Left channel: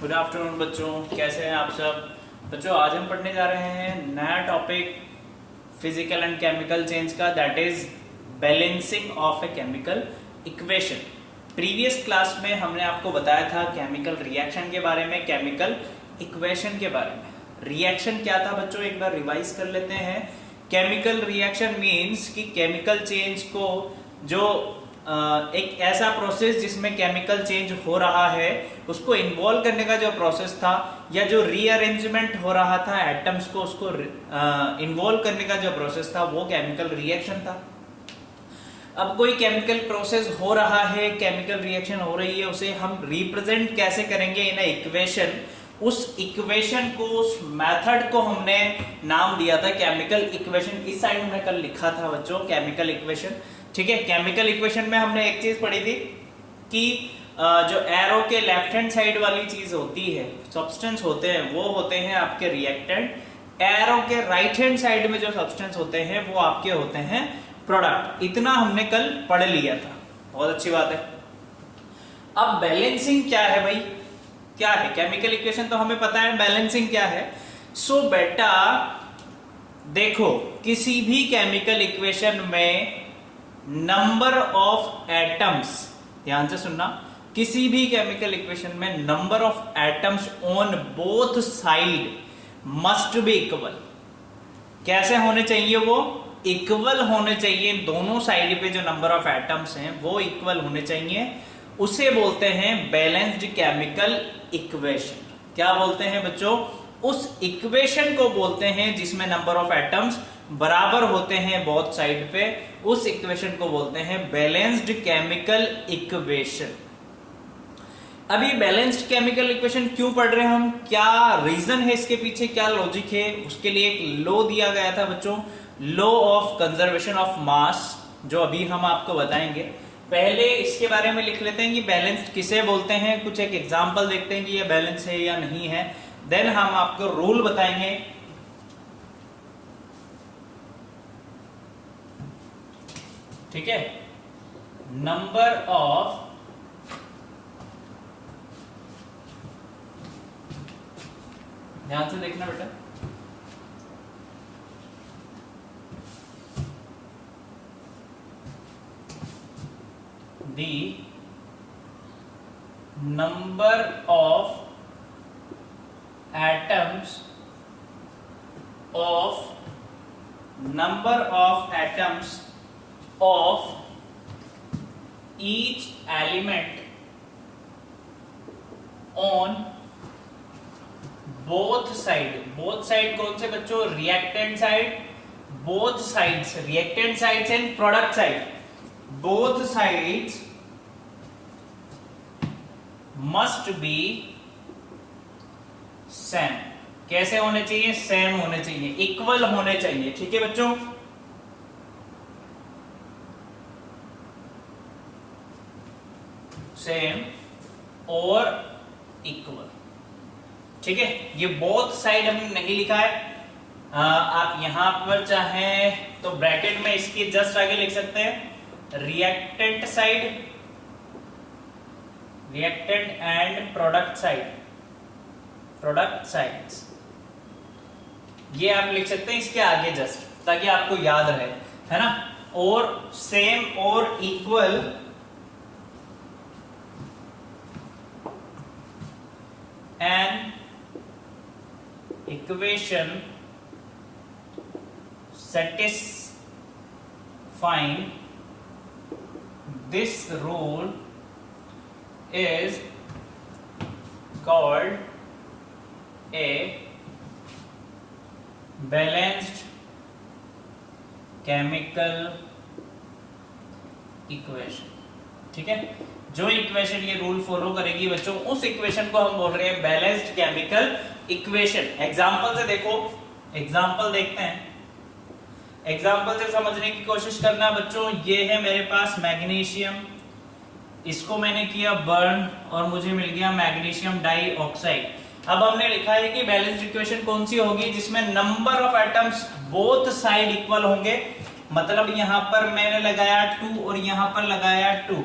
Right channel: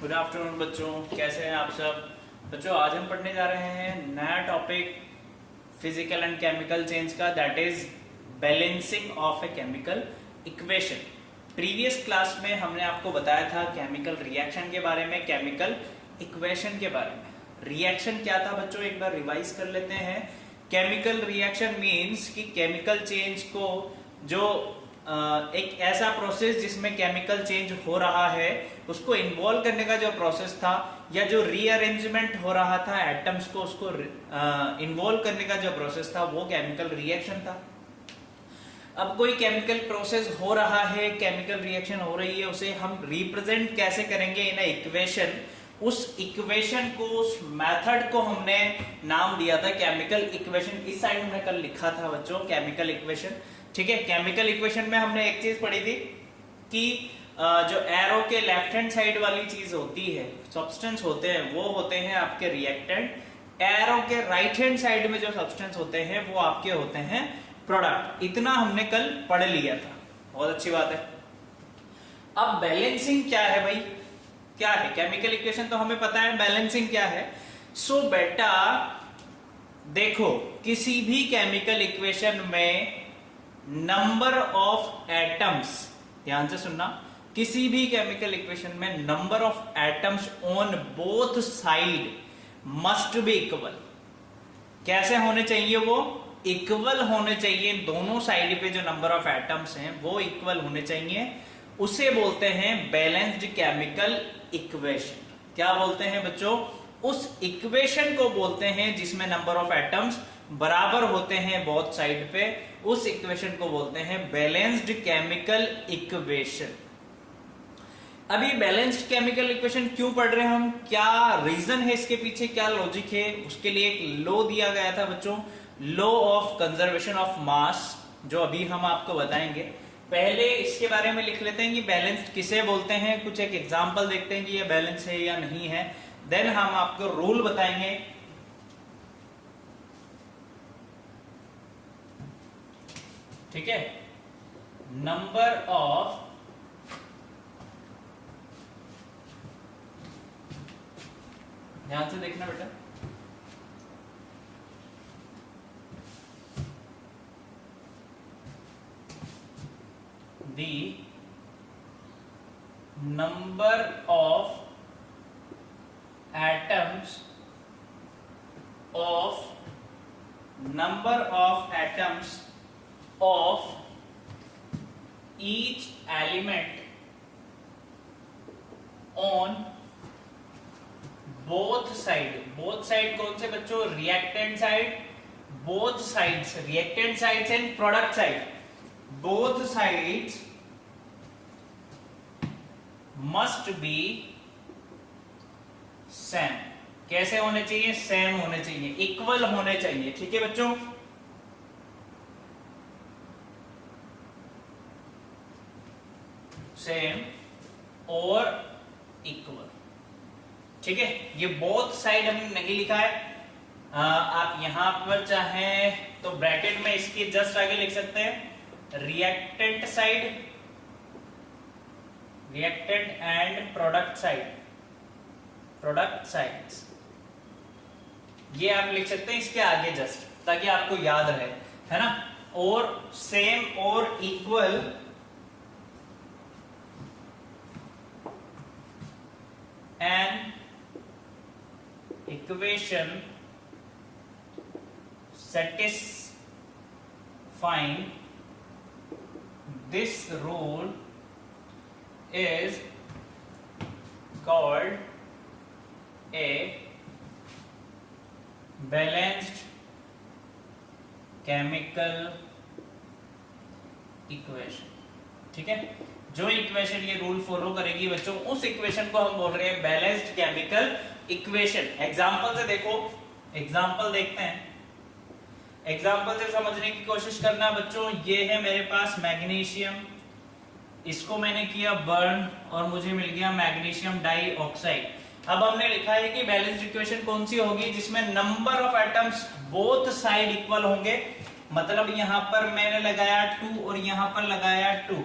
Good afternoon बच्चों, कैसे हैं आप सब। बच्चों आज हम पढ़ने जा रहे हैं नया topic physical and chemical change का, that is balancing of a chemical equation. Previous class में हमने आपको बताया था केमिकल रिएक्शन के बारे में, केमिकल इक्वेशन के बारे में। रिएक्शन क्या था बच्चों, एक बार रिवाइज कर लेते हैं। केमिकल रिएक्शन मीन्स कि केमिकल चेंज को जो एक ऐसा प्रोसेस जिसमें केमिकल चेंज हो रहा है उसको इन्वॉल्व करने का जो प्रोसेस था, या जो रीअरेंजमेंट हो रहा था एटम्स को उसको इन्वॉल्व करने का जो प्रोसेस था वो केमिकल रिएक्शन था। अब कोई केमिकल प्रोसेस हो रहा है, केमिकल रिएक्शन हो रही है, उसे हम रिप्रेजेंट कैसे करेंगे इन इक्वेशन। उस इक्वेशन को, उस मेथड को हमने नाम दिया था केमिकल इक्वेशन। इस साइड में कल लिखा था बच्चों केमिकल इक्वेशन, ठीक है। केमिकल इक्वेशन में हमने एक चीज पढ़ी थी कि जो एरो के लेफ्ट हैंड साइड वाली चीज होती है, सब्सटेंस होते हैं, वो होते हैं आपके रिएक्टेंट। एरो के राइट हैंड साइड में जो सब्सटेंस होते हैं वो आपके होते हैं प्रोडक्ट। इतना हमने कल पढ़ लिया था, बहुत अच्छी बात है। अब बैलेंसिंग क्या है भाई, क्या है केमिकल इक्वेशन तो हमें पता है, बैलेंसिंग क्या है। सो बेटा देखो, किसी भी केमिकल इक्वेशन में नंबर ऑफ एटम्स, ध्यान से सुनना, किसी भी केमिकल इक्वेशन में number of atoms on both side must be equal. कैसे होने चाहिए वो? इक्वल होने चाहिए। दोनों साइड पे जो नंबर ऑफ एटम्स हैं वो इक्वल होने चाहिए। उसे बोलते हैं बैलेंस्ड केमिकल इक्वेशन। क्या बोलते हैं बच्चों? उस इक्वेशन को बोलते हैं जिसमें नंबर ऑफ एटम्स बराबर होते हैं बोथ साइड पे, उस इक्वेशन को बोलते हैं बैलेंस्ड केमिकल इक्वेशन। अभी बैलेंस्ड केमिकल इक्वेशन क्यों पढ़ रहे हैं हम, क्या रीजन है इसके पीछे, क्या लॉजिक है, उसके लिए एक लॉ दिया गया था बच्चों, law of conservation of mass, जो अभी हम आपको बताएंगे। पहले इसके बारे में लिख लेते हैं कि बैलेंस्ड किसे बोलते हैं, कुछ एक एग्जांपल देखते हैं कि ये बैलेंस है या नहीं है, देन हम आपको रूल बताएंगे। ठीक है, नंबर ऑफ ध्यान से देखना बेटा, the number of atoms of each element on both side कौन से बच्चों? Reactant side, both sides, reactant sides and product side, both sides must be same. कैसे होने चाहिए? सेम होने चाहिए, इक्वल होने चाहिए। ठीक है बच्चों, सेम और इक्वल। ठीक है, ये बोथ साइड हमने नहीं लिखा है। आप यहां पर चाहे तो ब्रैकेट में इसके जस्ट आगे लिख सकते हैं reactant side, reactant and product sides, ये आप लिख सकते हैं इसके आगे जस्ट, ताकि आपको याद रहे, है ना। और सेम और equal and equation satisfying this rule is called a balanced chemical equation। ठीक है, जो इक्वेशन ये रूल फॉलो करेगी बच्चों, उस इक्वेशन को हम बोल रहे हैं बैलेंस्ड केमिकल इक्वेशन। एग्जांपल से देखो, एग्जांपल देखते हैं, एग्जांपल से समझने की कोशिश करना बच्चों। ये है मेरे पास मैग्नीशियम, इसको मैंने किया बर्न और मुझे मिल गया मैग्नीशियम डाइऑक्साइड। अब हमने लिखा है कि बैलेंस्ड इक्वेशन कौन सी होगी? जिसमें number of atoms both side equal होंगे। मतलब यहां पर मैंने लगाया 2 और यहां पर लगाया 2।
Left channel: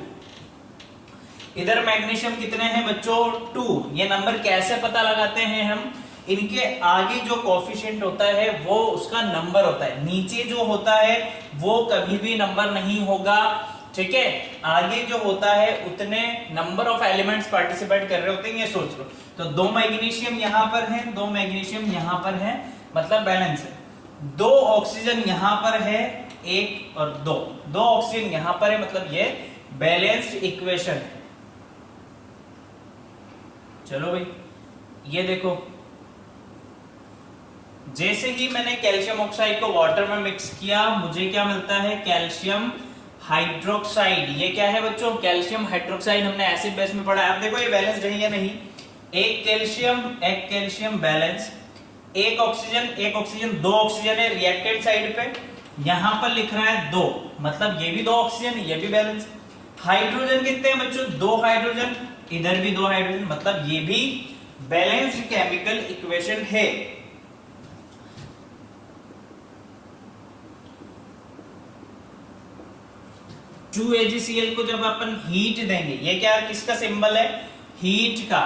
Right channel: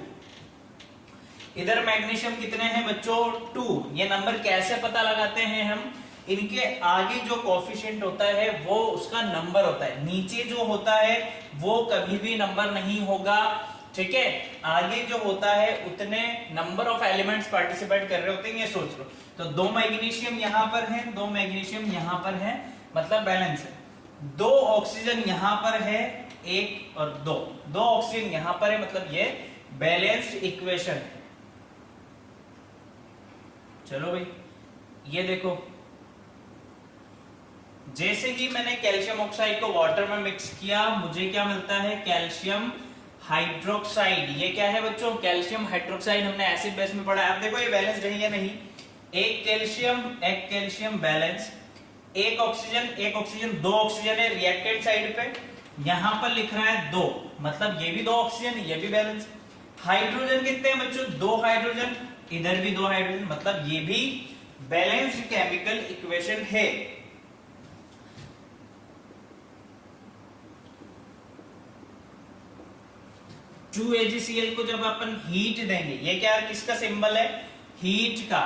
इधर मैग्नीशियम कितने हैं बच्चों 2। ये नंबर कैसे पता लगाते हैं हम, इनके आगे जो कोफिशिएंट होता है वो उसका नंबर होता है, नीचे जो होता है वो कभी भी नंबर नहीं होगा, ठीक है। आगे जो होता है उतने नंबर ऑफ एलिमेंट्स पार्टिसिपेट कर रहे होते हैं, ये सोच लो। तो 2 मैग्नीशियम यहां पर है, 2 मैग्नीशियम यहां पर है, मतलब बैलेंस है। 2 ऑक्सीजन यहां पर है, 1 और 2 ऑक्सीजन यहां पर है, मतलब ये बैलेंस्ड इक्वेशन है। चलो भाई ये देखो, जैसे ही मैंने कैल्शियम ऑक्साइड को वाटर में मिक्स किया मुझे क्या मिलता है, कैल्शियम हाइड्रोक्साइड। ये क्या है बच्चों, कैल्शियम हाइड्रोक्साइड, हमने एसिड बेस में पढ़ा है। अब देखो ये बैलेंस्ड है या नहीं, एक कैल्शियम बैलेंस, एक ऑक्सीजन 2 ऑक्सीजन है रिएक्टेंट साइड पे, यहां पर लिख रहा है 2, मतलब ये भी 2 ऑक्सीजन, ये भी बैलेंस। हाइड्रोजन कितने हैं बच्चों, 2 हाइड्रोजन, इधर भी 2 हाइड्रोजन, मतलब ये भी बैलेंस्ड केमिकल इक्वेशन है। AgCl को जब अपन हीट देंगे, ये क्या किसका सिंबल है, हीट का,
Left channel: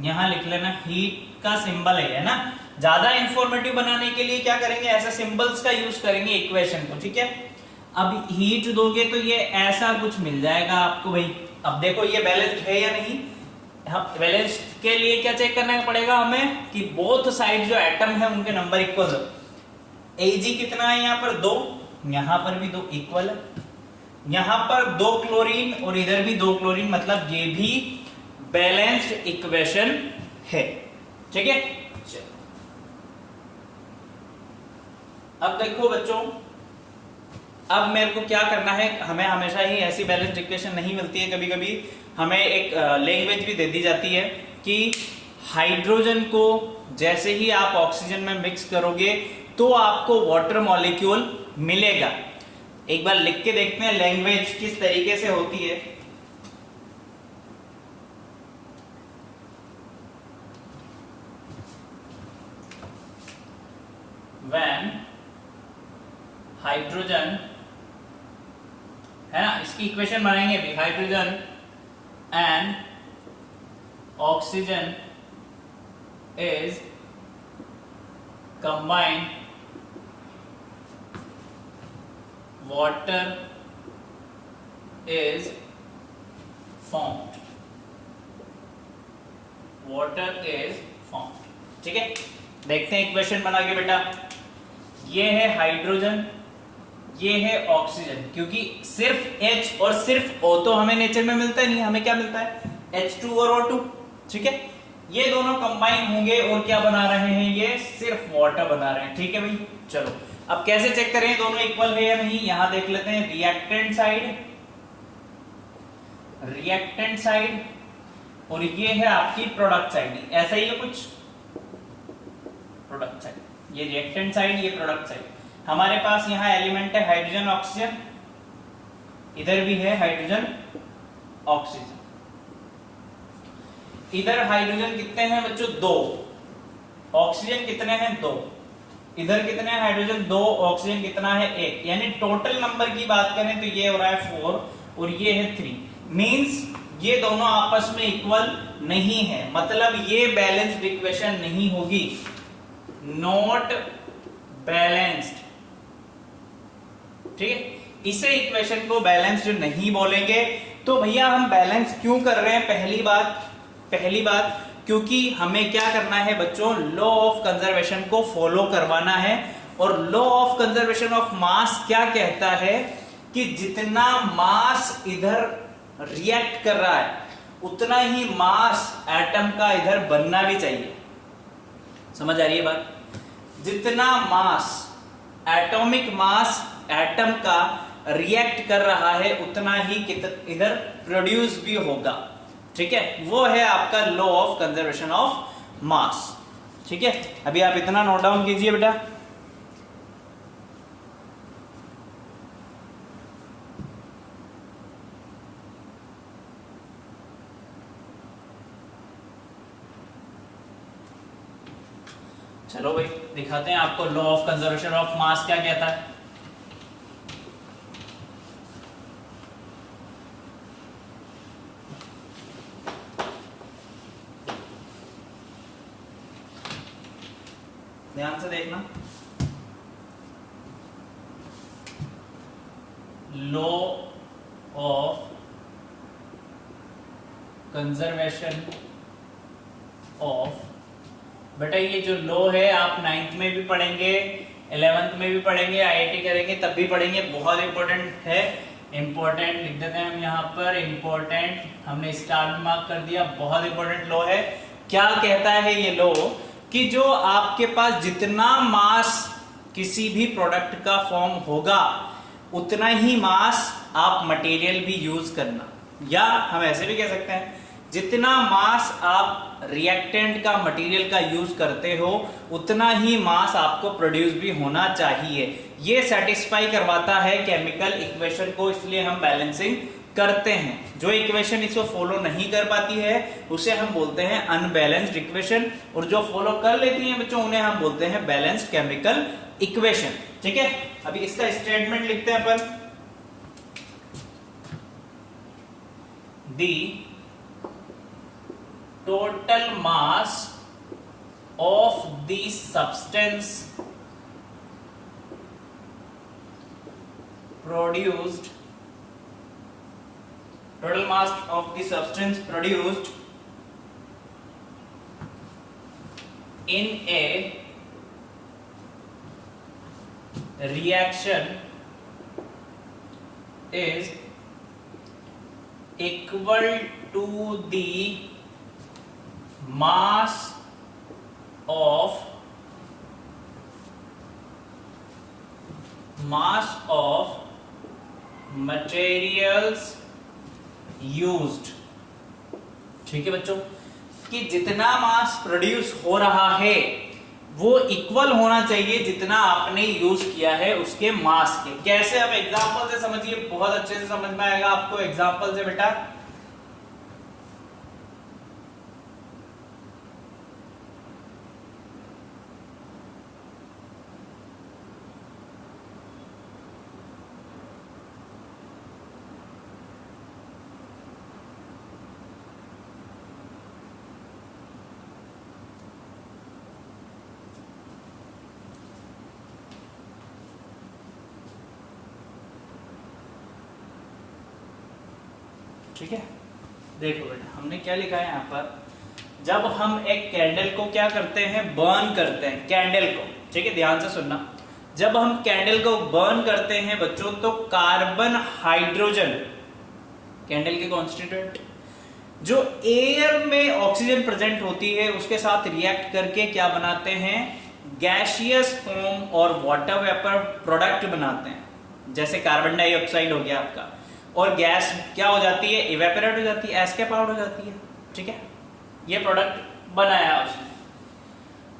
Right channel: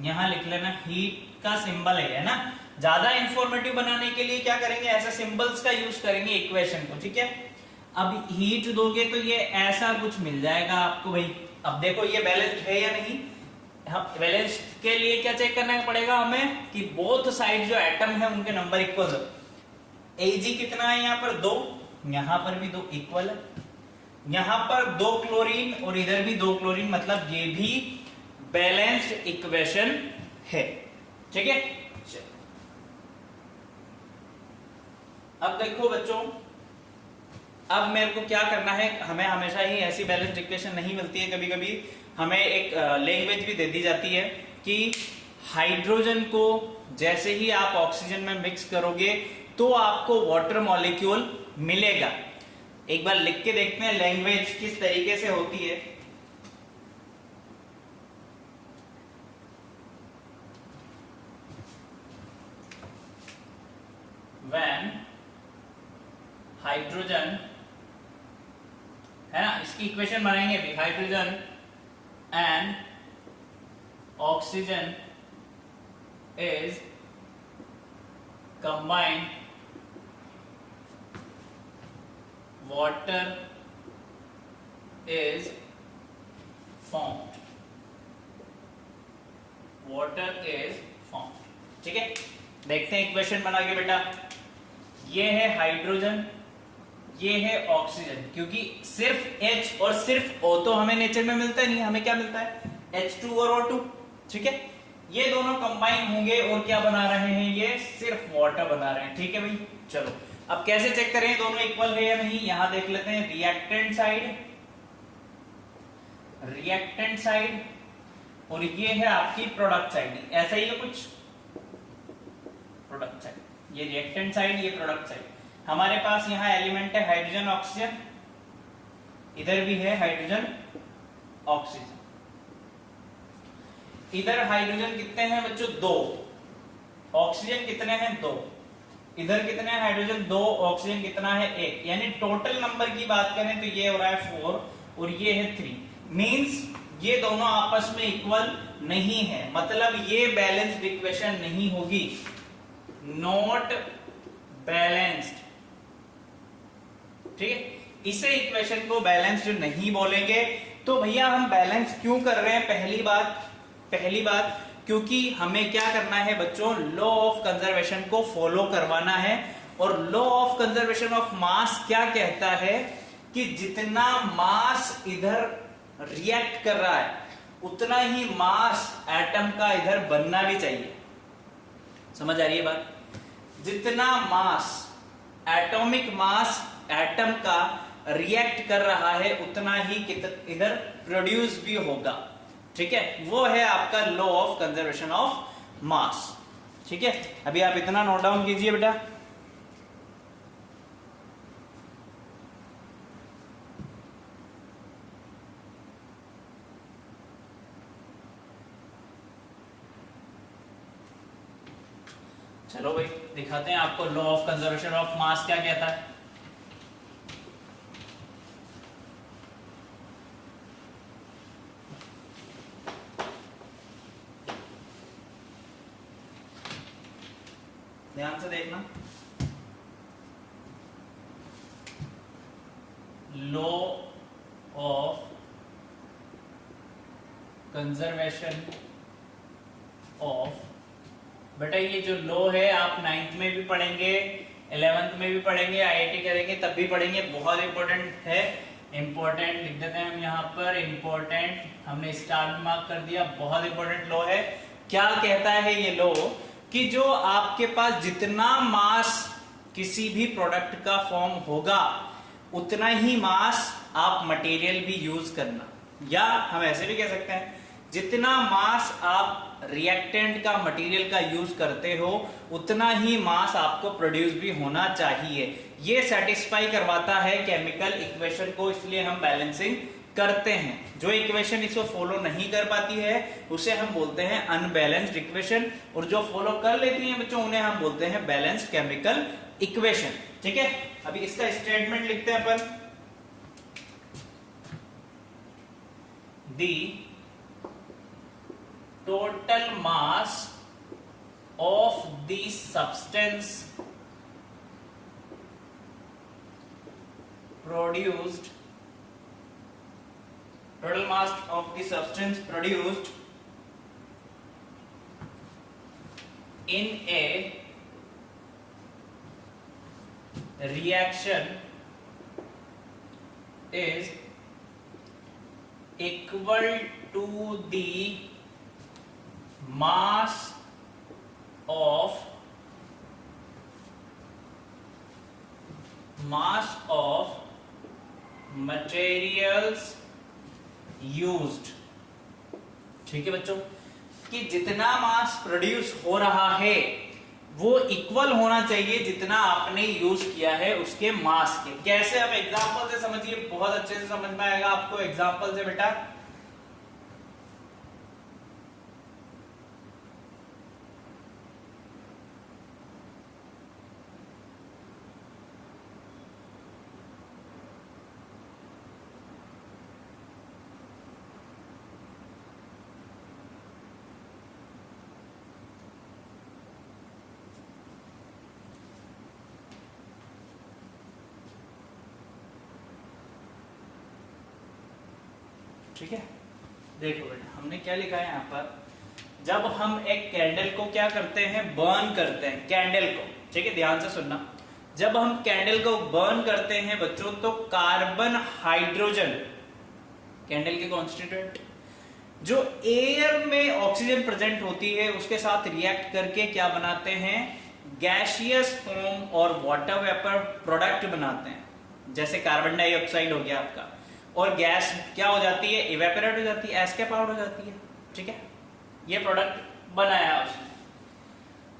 यहां लिख लेना हीट का सिंबल है ना। ज्यादा इंफॉर्मेटिव बनाने के लिए क्या करेंगे, ऐसा सिंबल्स का यूज करेंगे इक्वेशन को, ठीक है। अब हीट दोगे तो ये ऐसा कुछ मिल जाएगा आपको भाई। अब देखो ये बैलेंस्ड है या नहीं, बैलेंस के लिए क्या चेक करना पड़ेगा हमें कि बोथ साइड जो एटम है उनके नंबर इक्वल हो। Ag कितना है यहाँ पर 2, यहां पर भी 2 इक्वल है, यहां पर 2 क्लोरीन और इधर भी 2 क्लोरीन, मतलब ये भी बैलेंस्ड इक्वेशन है, ठीक है। अब देखो बच्चों, अब मेरे को क्या करना है, हमें हमेशा ही ऐसी बैलेंस्ड इक्वेशन नहीं मिलती है, कभी कभी हमें एक लैंग्वेज भी दे दी जाती है कि हाइड्रोजन को जैसे ही आप ऑक्सीजन में मिक्स करोगे तो आपको वाटर मॉलिक्यूल मिलेगा। एक बार लिख के देखते हैं लैंग्वेज किस तरीके से होती है। When हाइड्रोजन है ना, इसकी इक्वेशन बनाएंगे भी, hydrogen and oxygen is combined, water is formed, water is formed, ठीक है। देखते हैं इक्वेशन बना के बेटा, ये है हाइड्रोजन, ये है ऑक्सीजन, क्योंकि सिर्फ H और सिर्फ O तो हमें नेचर में मिलता ही नहीं, हमें क्या मिलता है H2 और O2, ठीक है। ये दोनों कंबाइन होंगे और क्या बना रहे हैं, ये सिर्फ वाटर बना रहे हैं, ठीक है भाई। चलो अब कैसे चेक करें दोनों इक्वल है या नहीं, यहां देख लेते हैं रिएक्टेंट साइड और ये है आपकी प्रोडक्ट साइड, ऐसा ही है कुछ, प्रोडक्ट साइड, ये रिएक्टेंट साइड, ये प्रोडक्ट साइड। हमारे पास यहाँ एलिमेंट है हाइड्रोजन ऑक्सीजन, इधर भी है हाइड्रोजन ऑक्सीजन। इधर हाइड्रोजन कितने हैं बच्चों 2, ऑक्सीजन कितने हैं 2, इधर कितने हैं हाइड्रोजन 2, ऑक्सीजन कितना है 1, यानी टोटल नंबर की बात करें तो ये हो रहा है 4 और ये है 3, मींस ये दोनों आपस में इक्वल नहीं है, मतलब ये बैलेंस्ड इक्वेशन नहीं होगी, नॉट बैलेंस्ड, ठीक है। इसे इक्वेशन को बैलेंस्ड नहीं बोलेंगे। तो भैया हम बैलेंस क्यों कर रहे हैं, पहली बात क्योंकि हमें क्या करना है बच्चों, लॉ ऑफ कंजर्वेशन को फॉलो करवाना है। और law of conservation of mass क्या कहता है कि जितना मास इधर रिएक्ट कर रहा है उतना ही मास एटम का इधर बनना भी चाहिए, समझ आ रही है बात। जितना मास, एटॉमिक मास एटम का रिएक्ट कर रहा है उतना ही इधर प्रोड्यूस भी होगा, ठीक है। वो है आपका law of conservation of mass, ठीक है। अभी आप इतना नोट डाउन कीजिए बेटा। चलो भाई दिखाते हैं आपको law of conservation of mass क्या कहता है। ध्यान से देखना, लॉ ऑफ कंजर्वेशन ऑफ, बेटा ये जो लॉ है आप 9th में भी पढ़ेंगे, 11th में भी पढ़ेंगे, आईआईटी करेंगे तब भी पढ़ेंगे, बहुत इंपॉर्टेंट है। इंपॉर्टेंट लिख देते हैं हम यहाँ पर, इंपॉर्टेंट हमने स्टार में मार्क कर दिया, बहुत इंपॉर्टेंट लॉ है। क्या कहता है ये लॉ कि जो आपके पास जितना मास किसी भी प्रोडक्ट का फॉर्म होगा उतना ही मास आप मटेरियल भी यूज करना, या हम ऐसे भी कह सकते हैं जितना मास आप रिएक्टेंट का मटेरियल का यूज करते हो उतना ही मास आपको प्रोड्यूस भी होना चाहिए। ये सेटिस्फाई करवाता है केमिकल इक्वेशन को, इसलिए हम बैलेंसिंग करते हैं। जो इक्वेशन इसको फॉलो नहीं कर पाती है उसे हम बोलते हैं अनबैलेंस्ड इक्वेशन, और जो फॉलो कर लेती है बच्चों उन्हें हम बोलते हैं बैलेंस्ड केमिकल इक्वेशन। ठीक है, अभी इसका स्टेटमेंट लिखते हैं अपन, दी total mass of the substance produced, total mass of the substance produced in a reaction is equal to the mass of materials used। ठीक है बच्चों, कि जितना मास प्रोड्यूस हो रहा है वो इक्वल होना चाहिए जितना आपने यूज किया है उसके मास के। कैसे, अब एग्जांपल से समझिए, बहुत अच्छे से समझ में आएगा आपको एग्जांपल से बेटा। ठीक है, देखो बेटा हमने क्या लिखा है यहाँ पर, जब हम एक कैंडल को क्या करते हैं, बर्न करते हैं कैंडल को। ठीक है, ध्यान से सुनना, जब हम कैंडल को बर्न करते हैं बच्चों तो कार्बन हाइड्रोजन, कैंडल के कॉन्स्टिट्यूएंट जो एयर में ऑक्सीजन प्रेजेंट होती है उसके साथ रिएक्ट करके क्या बनाते हैं, गैसियस फॉर्म और वाटर वेपर प्रोडक्ट बनाते हैं। जैसे कार्बन डाइऑक्साइड हो गया आपका, और गैस क्या हो जाती है, इवेपोरेट हो जाती है, एस्केप आउट हो जाती है। ठीक है, ये प्रोडक्ट बनाया उसने।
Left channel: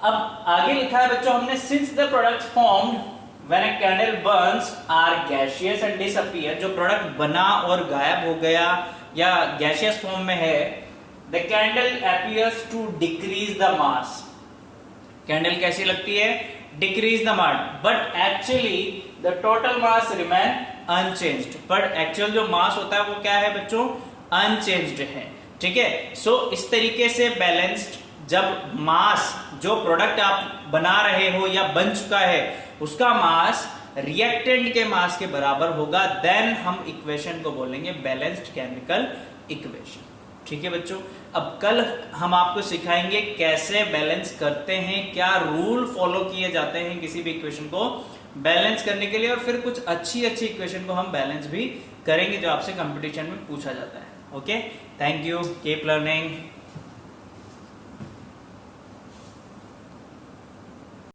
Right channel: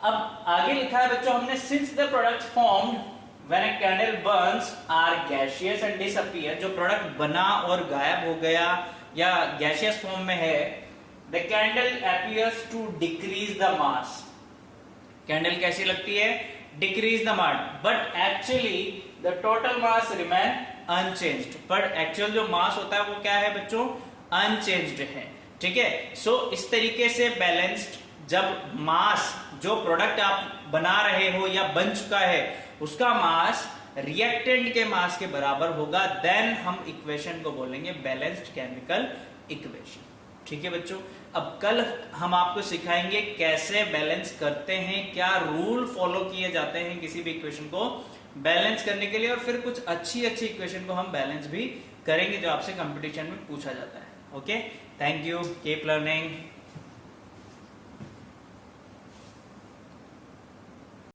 अब आगे लिखा है बच्चों हमने, since the product formed when a candle burns are gaseous and disappear, जो प्रोडक्ट बना और गायब हो गया या गैसियस फॉर्म में है, the candle appears to decrease the mass. Candle कैसी लगती है, decrease the mass, but actually the total mass remain unchanged. But actual जो मास होता है वो क्या है बच्चों, अनचेंज्ड है। ठीक है, सो इस तरीके से बैलेंस्ड, जब मास जो प्रोडक्ट आप बना रहे हो या बन चुका है उसका मास रिएक्टेंट के मास के बराबर होगा, देन हम इक्वेशन को बोलेंगे बैलेंस्ड केमिकल इक्वेशन। ठीक है बच्चों, अब कल हम आपको सिखाएंगे कैसे बैलेंस करते हैं, क्या रूल फॉलो किए जाते हैं किसी भी इक्वेशन को बैलेंस करने के लिए, और फिर कुछ अच्छी इक्वेशन को हम बैलेंस भी करेंगे जो आपसे कंपटीशन में पूछा जाता है। Okay, thank you, keep learning.